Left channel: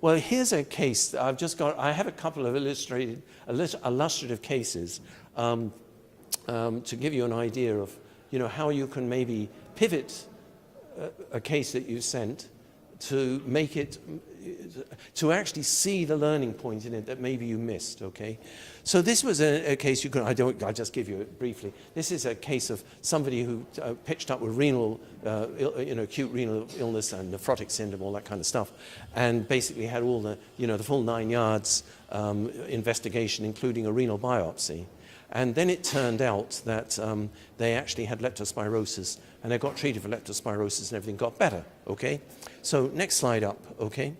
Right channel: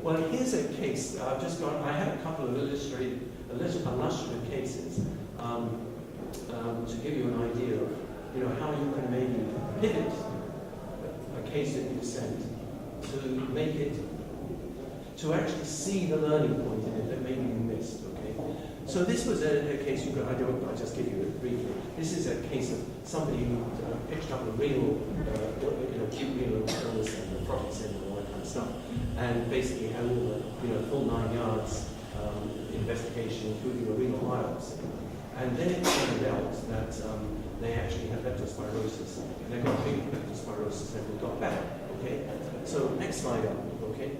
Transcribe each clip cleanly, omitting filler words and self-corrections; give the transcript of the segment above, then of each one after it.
Well, here's a case. I have a couple of illustrative cases to give you an idea of, how you can maybe pivot a case that you sent to make it, to actually see the learning point in it that maybe you missed, okay? So this was a case I'll just give you it briefly. This is a case of somebody who pitched up with acute renal illness and nephrotic syndrome, all that kind of stuff, and basically had all the full 9 yards investigation, including a renal biopsy. And then it turned out that they actually had leptospirosis, and they got treated for leptospirosis and everything got better, okay? So next slide up, okay?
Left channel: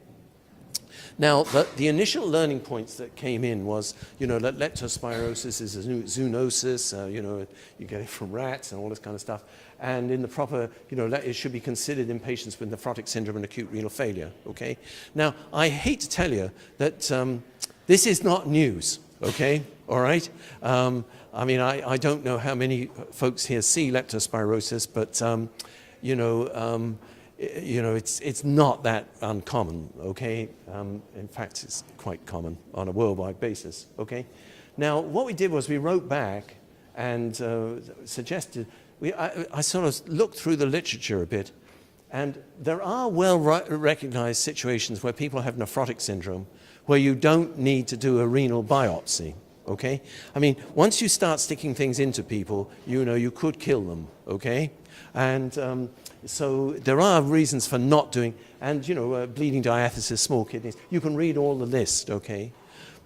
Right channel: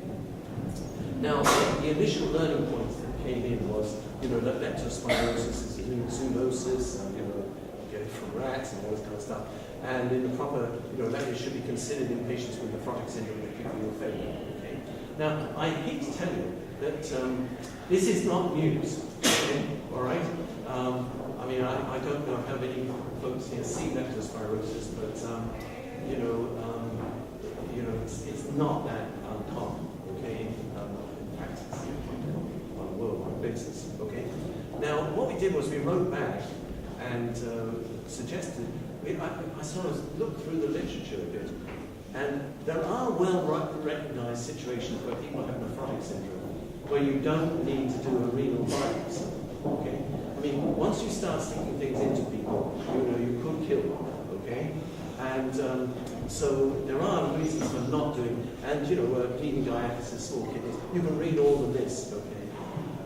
Now, the initial learning points that came in was, that leptospirosis is a zoonosis, you get it from rats and all this kind of stuff. And in the proper, that it should be considered in patients with nephrotic syndrome and acute renal failure, okay? Now, I hate to tell you that this is not news, okay? All right? I don't know how many folks here see leptospirosis, but, it's not that uncommon, okay? In fact, it's quite common on a worldwide basis, okay? Now, what we did was we wrote back and suggested, I sort of looked through the literature a bit, and there are well-recognized situations where people have nephrotic syndrome where you don't need to do a renal biopsy, okay? Once you start sticking things into people, you could kill them, okay? And so there are reasons for not doing, and bleeding diathesis, small kidneys, you can read all the list, okay?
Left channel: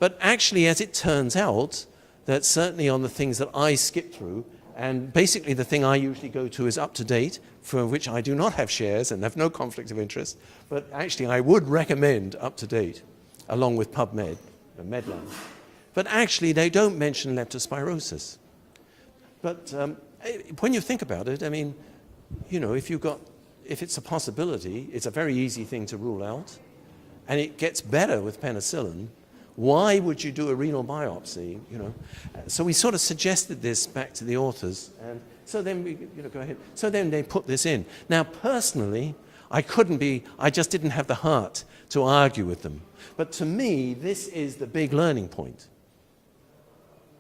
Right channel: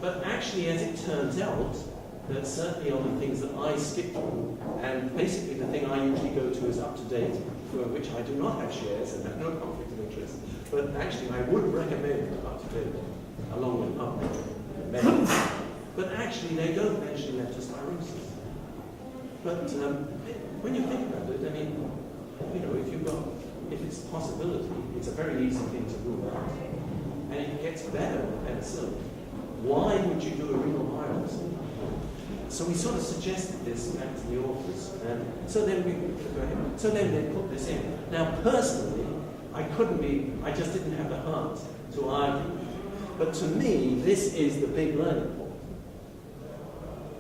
But actually, as it turns out, that certainly on the things that I skip through, and basically the thing I usually go to is up to date, for which I do not have shares and have no conflict of interest, but actually I would recommend up to date, along with PubMed, but actually they don't mention leptospirosis. But when you think about it, if it's a possibility, it's a very easy thing to rule out, and it gets better with penicillin. Why would you do a renal biopsy? So we sort of suggested this back to the authors, and so then they put this in. Now, personally, I just didn't have the heart to argue with them. But to me, this is the big learning point.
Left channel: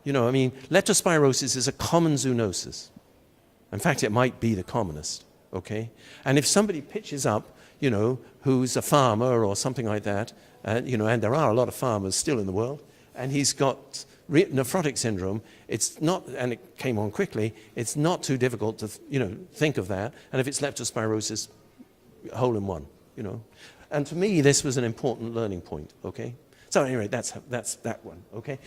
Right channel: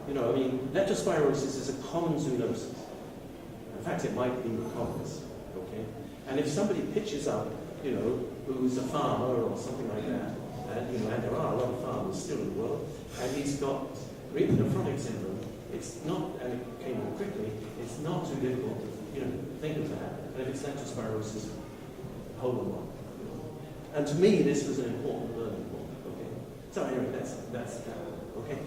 Leptospirosis is a common zoonosis. In fact, it might be the commonest, okay? And if somebody pitches up, who's a farmer or something like that, and there are a lot of farmers still in the world, and he's got nephrotic syndrome, it's not, and it came on quickly, it's not too difficult to, think of that. And if it's leptospirosis, hole in one, And to me, this was an important learning point, okay? So anyway, that's that one, okay?